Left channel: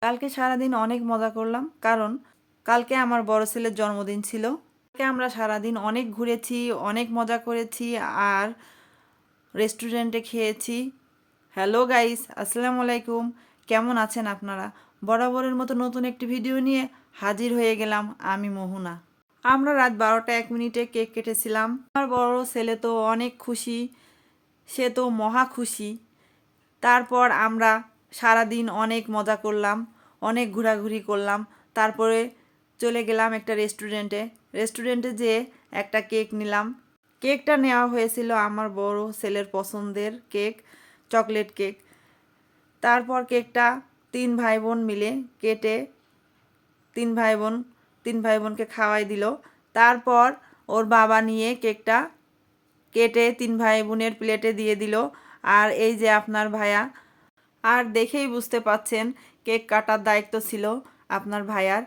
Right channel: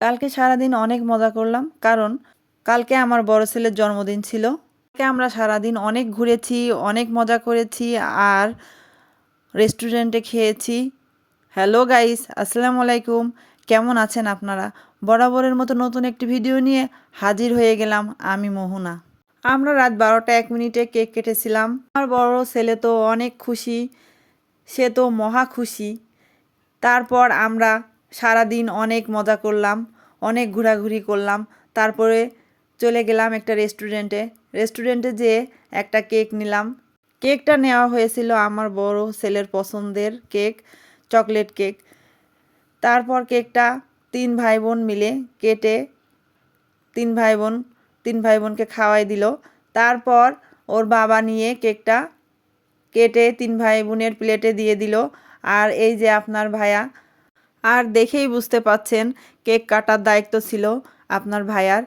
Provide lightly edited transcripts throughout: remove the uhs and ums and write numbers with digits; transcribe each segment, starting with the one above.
কালকে সারাদিন অনেক মজা করলাম, কারণ কালকে আমার বড় ছেলের জন্মদিন ছিল। কালকে আমরা সারাদিন অনেক ঘুরেছি, অনেক মজা করেছি আর রেস্টুরেন্টে খেয়েছি। হ্যালো গাইস, আসসালামু আলাইকুম। কেমন আছেন আপনারা? বরাবরের মতো নতুন একটি ভিডিও নিয়ে হাজির হয়ে গেলাম আমি মোহনা। আমরা রাত 12টা 1 মিনিটে কেক কেটেছিলাম। আমার বড় ছেলে তো অনেক খুশি, সে তো মহা খুশি। তারপর আমরা সারাদিন অনেক মজা করলাম, অনেক ঘোরাঘুরি করলাম। তারপরে চলে গেলাম একটা রেস্টুরেন্টে যেয়ে একটা কেক নিলাম। কেকটা নেওয়া হয়েছিল আমার বড় ছেলের পছন্দের কেক, চকলেট কেক। তারপর কেকটা তিন ভাই বোন মিলে কেটে তিন ভাই বোন তিন ভাই বোনকে খাওয়াই দিল। তারপর ওর বাবা নিয়ে কেকটা কেটে তিন ভাই বোনের প্লেটে দিয়ে দিল। আর এই যে আপনার ভাইয়া, আর দেখেই বুঝতে পাচ্ছেন কেক কাটার দায়িত্ব ছিল আপনার ভাইয়ার।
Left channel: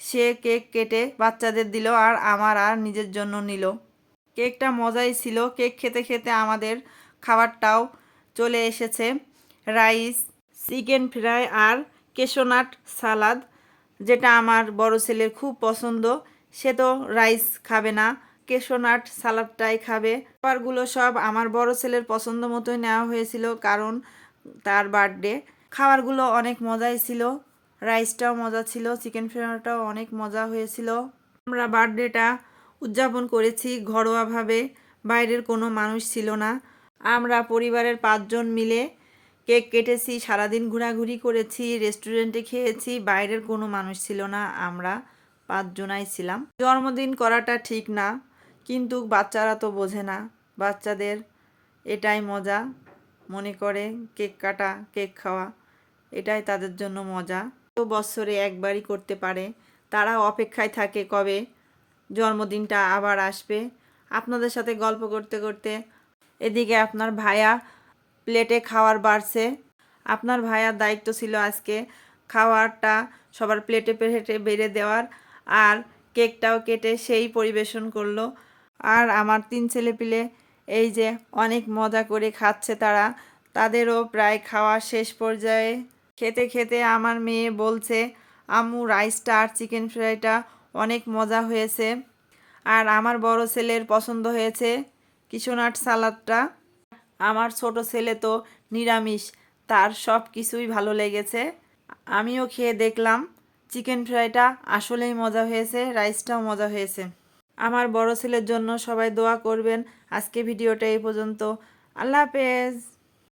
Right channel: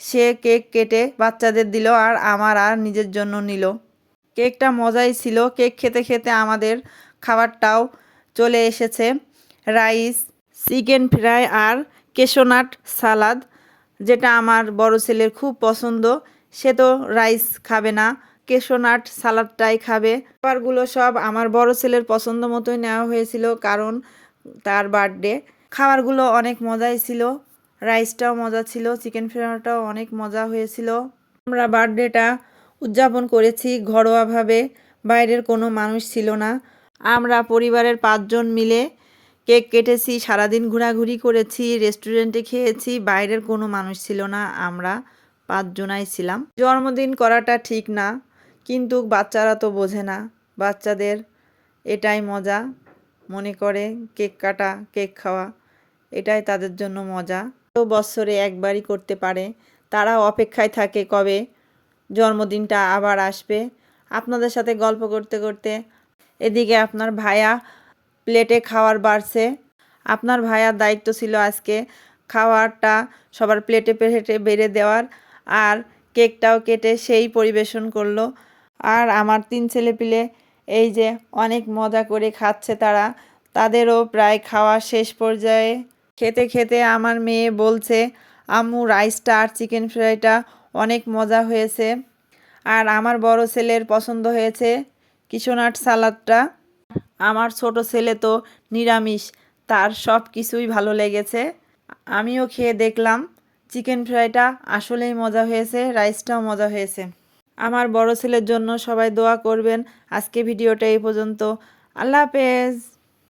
সে কেক কেটে বাচ্চাদের দিল আর আমার আর নিজের জন্য নিল। কেকটা মজাই ছিল। কেক খেতে খেতে আমাদের খাবারটাও চলে এসেছে। রাইস, চিকেন ফ্রাই আর কেশোনাট সালাদ, যেটা আমার বড় ছেলের খুব পছন্দ। সে তো রাইস খাবে না, কেশোনাট সালাদটাই খাবে। খাবারগুলো সব আমার বড় ছেলের পছন্দ মতোই নেওয়া হয়েছিল, কারণ তার বার্থডে। খাবারগুলো অনেক মজাই ছিল, রাইসটাও মজা ছিল, চিকেন ফ্রাইটাও অনেক মজা হয়েছিল। আমরা বার্থডেটা উদযাপন করেছি ঘরোয়াভাবে, বাইরের কোনো মানুষ ছিল না। আমরা পরিবারের 5 জন মিলে কেক কেটেছি, সারাদিন ঘোরাঘুরি করেছি, রেস্টুরেন্টে খেয়েছি, বাইরের কোনো মানুষ ছিল না, আমরা 5 জনাই ছিলাম। জন্মদিন করাটা ঠিক না, কিন্তু বাচ্চারা তো বোঝে না। বাচ্চাদের এটাই মজা, মনে করে কেক কাটা, কেক খাওয়া, এটাই তাদের জন্য মজা। তো বছরে একবারই করতে পারে, তারা অপেক্ষায় থাকে কবে জন্মদিনটা আবার আসবে। আপনাদের সাথে গল্প করতে করতে এদিকে আপনার ভাইয়া প্লেটে খাওয়ার বাড়ছে। আপনার ভাইয়ার দায়িত্ব ছিল আজকে খাওয়ারটা সবার প্লেটে প্লেটে বেড়ে দেওয়ার, আর কেকটাও কেটে সেই পরিবেশন করলো। আর আমার 3 ছেলেপিলে এই যে অনেক মজা করে খাচ্ছে তারা, তাদেরও প্রায় খাওয়া শেষ পর্যায়ে। খেতে খেতে আমার মেয়ে বলছে, আম্মু রাইসটা আর চিকেন ফ্রাইটা অনেক মজা হয়েছে। আর আমার বড় ছেলের পছন্দ হয়েছে কিশোনাট সালাদটা। আমার ছোট ছেলে তো নিরামিষ, তার সব কিছুই ভালো লেগেছে। আমিও খেয়ে দেখলাম, চিকেন ফ্রাইটা আসলেই মজা হয়েছে, রাইসটাও মজা হয়েছে। আমার বড় ছেলের জন্য সবাই দোয়া করবেন। আজকে ভিডিওটা এই পর্যন্ত। আল্লাহ হাফেজ।